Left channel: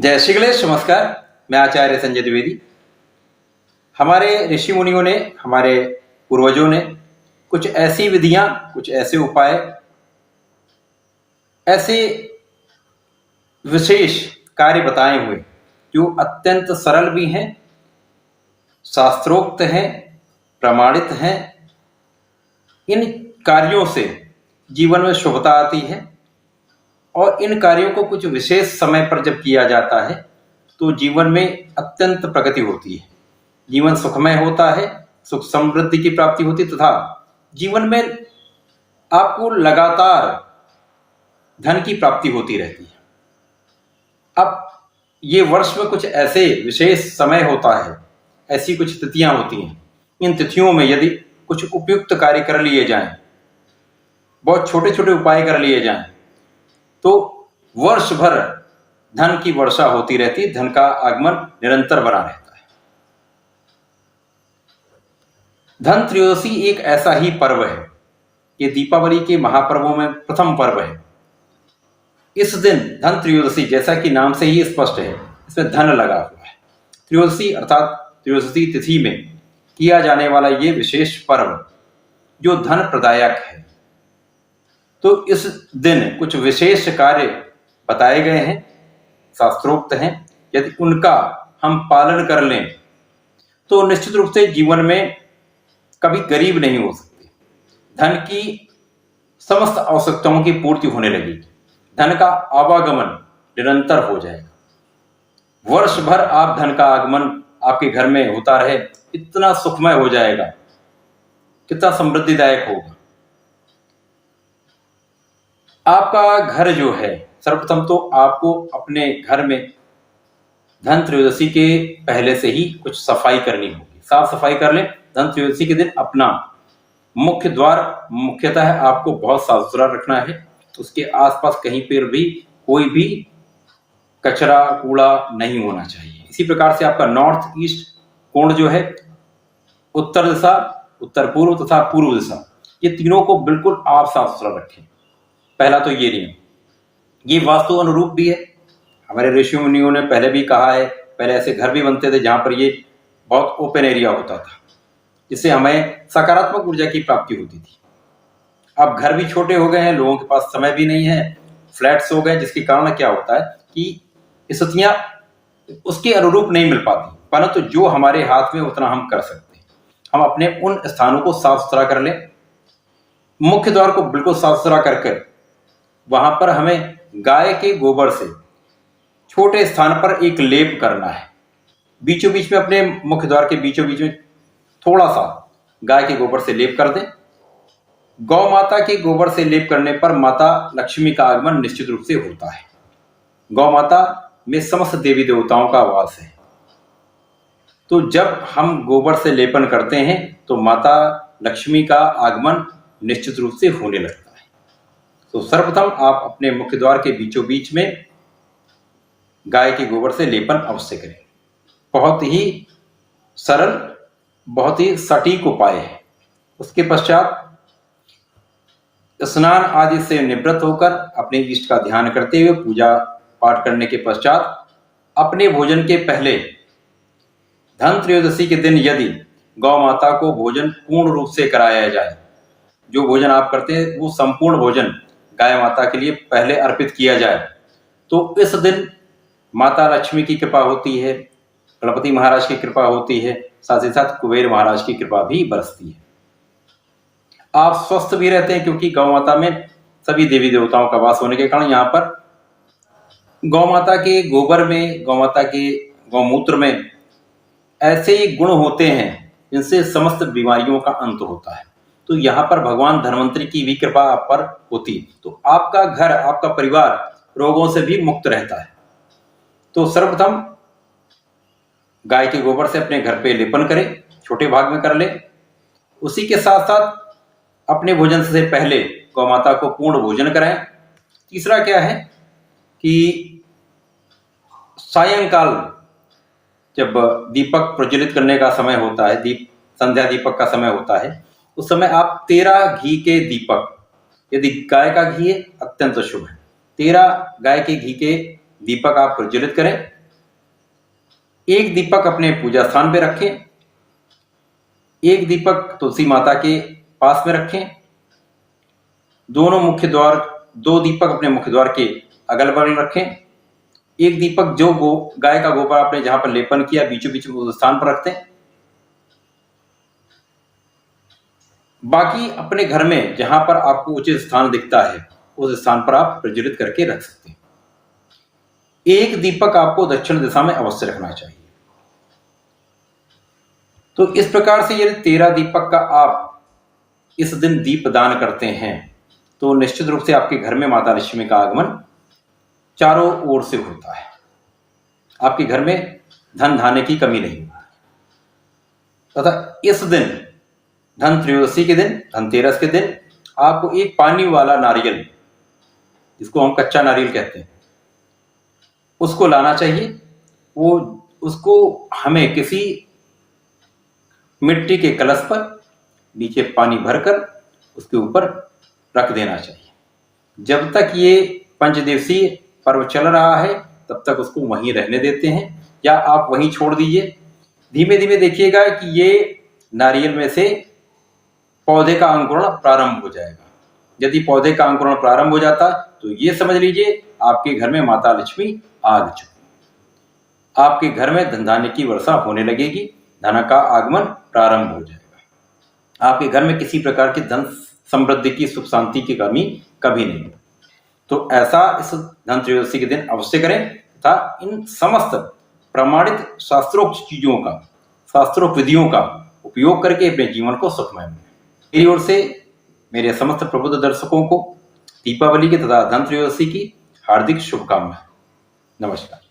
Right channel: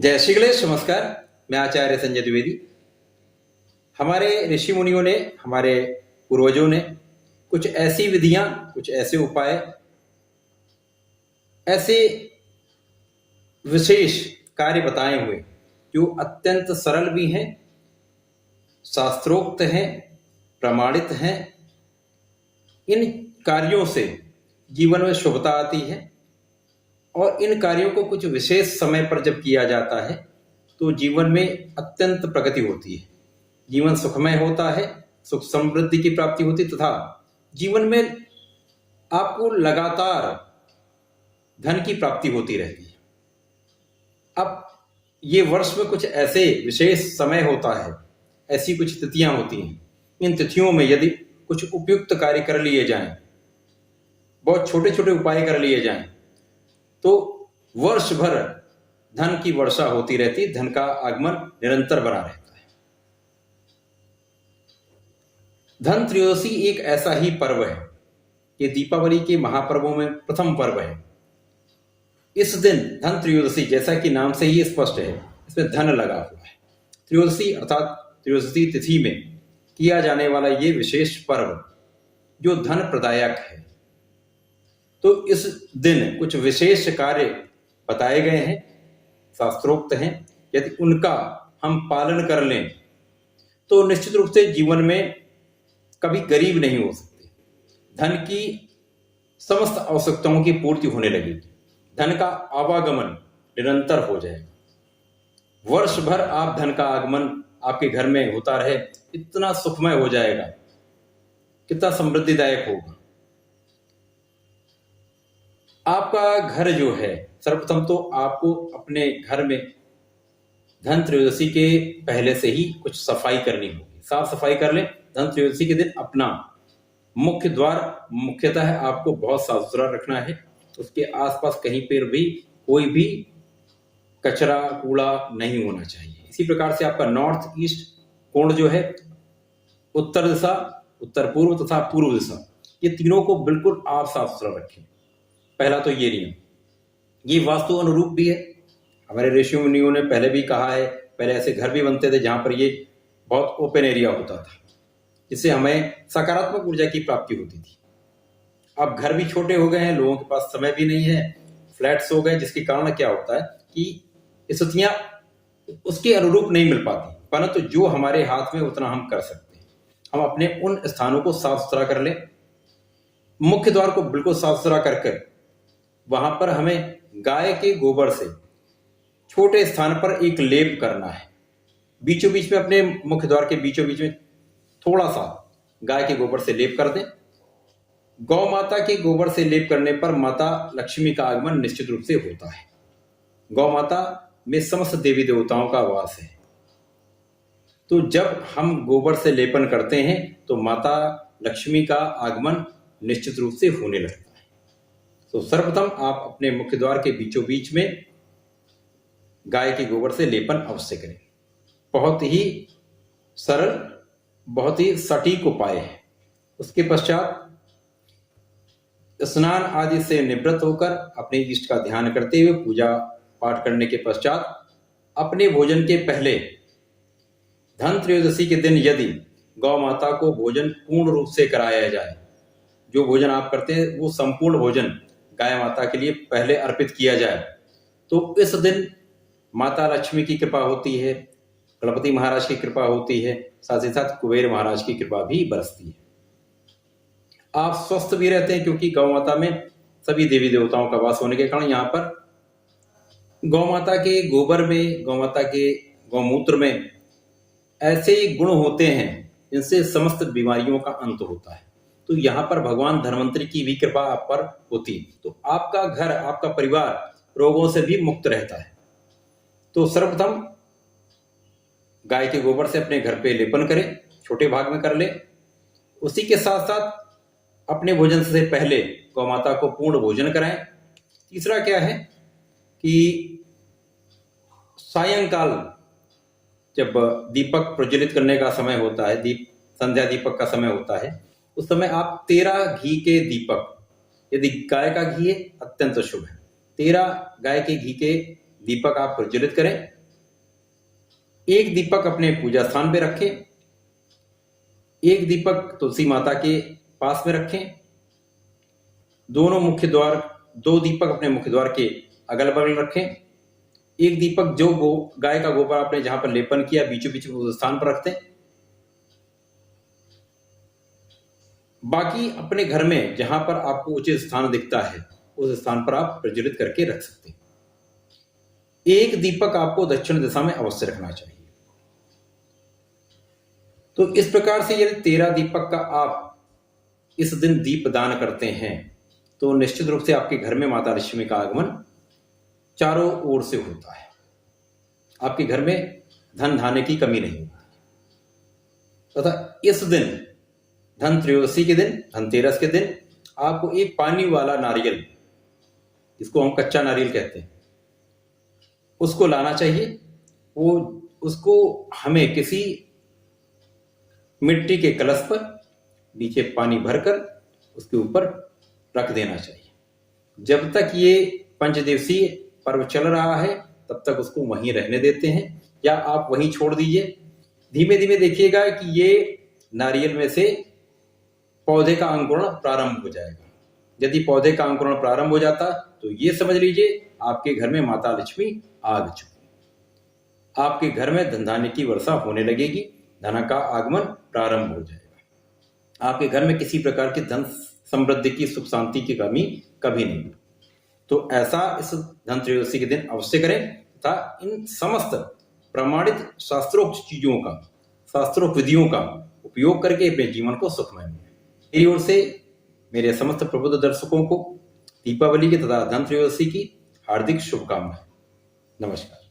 जय श्री गणेश। नमस्कार, मैं आचार्य संजय द्विवेदी। हमारे ऋषि मुनियों ने, हमारे पूर्वजों ने कुछ ऐसी विधियां, कुछ ऐसे उपाय, ऐसे विशेष कार्य बताए हुए जो अत्यंत सरल भी हैं, शास्त्रोक्त हैं, प्रमाणित हैं। इन कार्यों से जीवन में शुभता आती है और इन कार्यों को कुछ विशेष समय पर जब किया जाता है तो जीवन में अत्यंत प्रगति होती है, जीवन सुखमय होता है, सुख समृद्धि की प्राप्ति होती है तथा जीवन में आपको लगातार धन की प्राप्ति होती रहती है। अब ये वर्ष में कुछ ऐसे विशेष समय होता है, ऐसी कुछ तिथियां होती हैं। इन तिथियों में यदि कुछ उपयुक्त कार्य कर लिए जाएं, बहुत छोटे छोटे उपाय कर लिए जाएं, तो वर्ष भर धन की वर्षा होती रहती है, धन का आगमन निरंतर बना रहता है। धन त्रयोदशी एक ऐसा ही पर्व है, ये दीपावली के महापर्वों में प्रथम पर्व है। इस दिन धन त्रयोदशी, जैसा कि नाम से ही स्पष्ट है, इसमें धन लगा हुआ है। त्रयोदशी अर्थात त्रयोदशी तिथि में किया जाने वाला ये विशेष पर्व जो धन प्रदायक है, तो इस दिन कुछ विशेष कार्य बताए गए हैं, शास्त्रोक्त हैं। यदि उनका हम पालन कर लें तो निश्चित रूप से जीवन में कभी गरीब नहीं हो सकते। धन की समस्त आवश्यकताओं की पूर्ति होने लगेगी, धन का आवागमन निरंतर हो जाएगा। वर्ष भर आप धन का आगमन आपके घर में होता रहे, इतना सुखमय हो जाएगा, कितना समृद्धिदायक होगा। आपका घर जो है, सर्वप्रथम तो आपको अपने घर में धन त्रयोदशी के पहले से ही कुछ सफाई करनी होगी, साफ सफाई कर लें। धन त्रयोदशी के दिन अपना मुख्य द्वार मुख्यतः आपको बहुत साफ सुथरा रखना है, उसके आसपास कहीं पर भी कोई भी कचरा कूड़ा नहीं होना चाहिए। इसी प्रकार से आपका नॉर्थ ईस्ट कोण जो है, उत्तर दिशा, उत्तर पूर्व तथा पूर्व दिशा, ये तीनों को बिल्कुल आप साफ सुथरा रखें। पहला तो ये नियम, ये वास्तु अनुरूप भी है। हमारे ऋषि मुनियों ने पहले भी कहा है, पहले ऐसे घर भी बनते थे जहां पर ये बहुत ओपन एरिया होता था, जिससे हमें सकारात्मक ऊर्जा की प्राप्ति होती थी। अब घर भी छोटे हो गए हैं, लोगों के पास समय भी नहीं है, फ्लैट्स हो गए, जिसके कारण क्या होता है कि स्थितियां उसके अनुरूप नहीं मिल पाती। परंतु जो हमारे हाथ में उतना हम कर सकते हैं, हम अपने उन स्थानों को साफ सुथरा कर लें। मुख्य द्वार को बिल्कुल साफ सुथरा कर वहां पर हमें गाय के गोबर से छोटे स्थान पर एक लेप करना है। बीचों बीच में, अपने मुख्य द्वार के बीचों बीच में थोड़ा सा गाय के गोबर से लेप कर दें। गौ माता के गोबर से लेप करने पर माता लक्ष्मी का आगमन निश्चित रूप से होता है। गौ माता में समस्त देवी देवताओं का वास है, तो जब हम गोबर से लेपन करते हैं तो माता लक्ष्मी का आगमन निश्चित रूप से होने लगता है। तो सर्वप्रथम आप अपने मुख्य द्वार के बीचों बीच में गाय के गोबर से लेपन अवश्य करें। बहुत ही सरल, बहुत ही सटीक उपाय है। उसके पश्चात स्नान आदि से निवृत्त होकर अपने इष्ट का ध्यान करते हुए पूजा पाठ करने के पश्चात अपने भोजन के पहले धन त्रयोदशी के दिन यदि गौ माता को भोजन पूर्ण रूप से कराया जाए, जो भोजन आप करते हैं वो संपूर्ण भोजन गाय माता के लिए पहले अर्पित किया जाए, तो इस दिन माता लक्ष्मी की कृपा होती है, गणपति महाराज की कृपा होती है, साथ ही साथ कुबेर महाराज की कृपा भी बरसती है। आप स्वस्थ भी रहते हैं, क्योंकि गौ माता में सभी देवी देवताओं का वास होने के कारण यहाँ पर गौ माता के गोबर में, गौ माता के गौमूत्र में ऐसे गुण होते हैं जिनसे समस्त बीमारियों का अंत होता है। तो यहाँ पर भगवान धन्वंतरी की भी कृपा आप पर होती है, तो आपका घर, आपका परिवार रोगों से भी मुक्त रहता है। तो सर्वप्रथम गाय के गोबर से अपने घर पे लेपन करें, छोटे भाग में कर ले। उसी के साथ साथ अपने भोजन से पहले गौ माता को पूर्ण भोजन कराएं। तीसरा क्या है कि सायंकाल जब दीपक प्रज्वलित करने का समय होता है, संध्या दीपक का समय होता है, उस समय आप 13 घी के दीपक, यदि गाय का घी है अत्यंत शुभ है, 13 गाय के घी के दीपक आप प्रज्वलित करें। एक दीपक अपने पूजा स्थान पे रखें, एक दीपक तुलसी माता के पास में रखें। दो दीपक अपने मुख्य द्वार के अगल बगल रखें। एक दीपक जो गाय का गोबर आपने जहां पर लेपन किया बीचों बीच उस स्थान पर रखते हैं। बाकी अपने घर में जहां पर आपको उचित स्थान दिखता है उस स्थान पर आप प्रज्वलित करके रख सकते हैं। एक दीपक आपको दक्षिण दिशा में अवश्य रखना चाहिए। तो इस प्रकार से यदि 13 दीपक का आप इस दिन दीप दान करते हैं तो निश्चित रूप से आपके घर में माता लक्ष्मी का आगमन चारों ओर से होता है। आपके घर में धन धान्य की कमी नहीं होती। तथा इस दिन धन त्रयोदशी के दिन, धनतेरस के दिन आपको एक पानी वाला नारियल, जिसको हम कच्चा नारियल कहते हैं, उसको लाना चाहिए। उसको हमें किसी मिट्टी के कलश पर नीचे पानी भरकर उसके ऊपर रख देना चाहिए। जब तक ये 5 दिवसीय पर्व चल रहा है तब तक उसको वहीं रहने देते हैं या आप वहीं छोड़ दीजिए। धीमे धीमे देखिएगा कि ये नारियल में से पौधे का अंकुरण प्रारंभ हो जाएगा। यदि पौधे का अंकुरण प्रारंभ हो जाता तो ये समझ लीजिए आपके घर में माता लक्ष्मी आ चुकी। आपके घर में धन धान्य की वर्षा होने लगेगी, धन का आगमन प्रारंभ हो जाएगा। आपके घर में किसी प्रकार की धन समृद्धि की, सुख शांति की कमी कभी नहीं। तो ऐसा इस धन त्रयोदशी के दिन अवश्य करें तथा इन समस्त प्रमाणित शास्त्रोक्त चीजों का, शास्त्रोक्त विधियों का उपयोग करके अपने जीवन को सुखमय बनाएं। मेरी ओर से मेरे समस्त प्रबुद्ध दर्शकों को दीपावली के तथा धन त्रयोदशी की हार्दिक शुभकामनाएं। नमस्कार।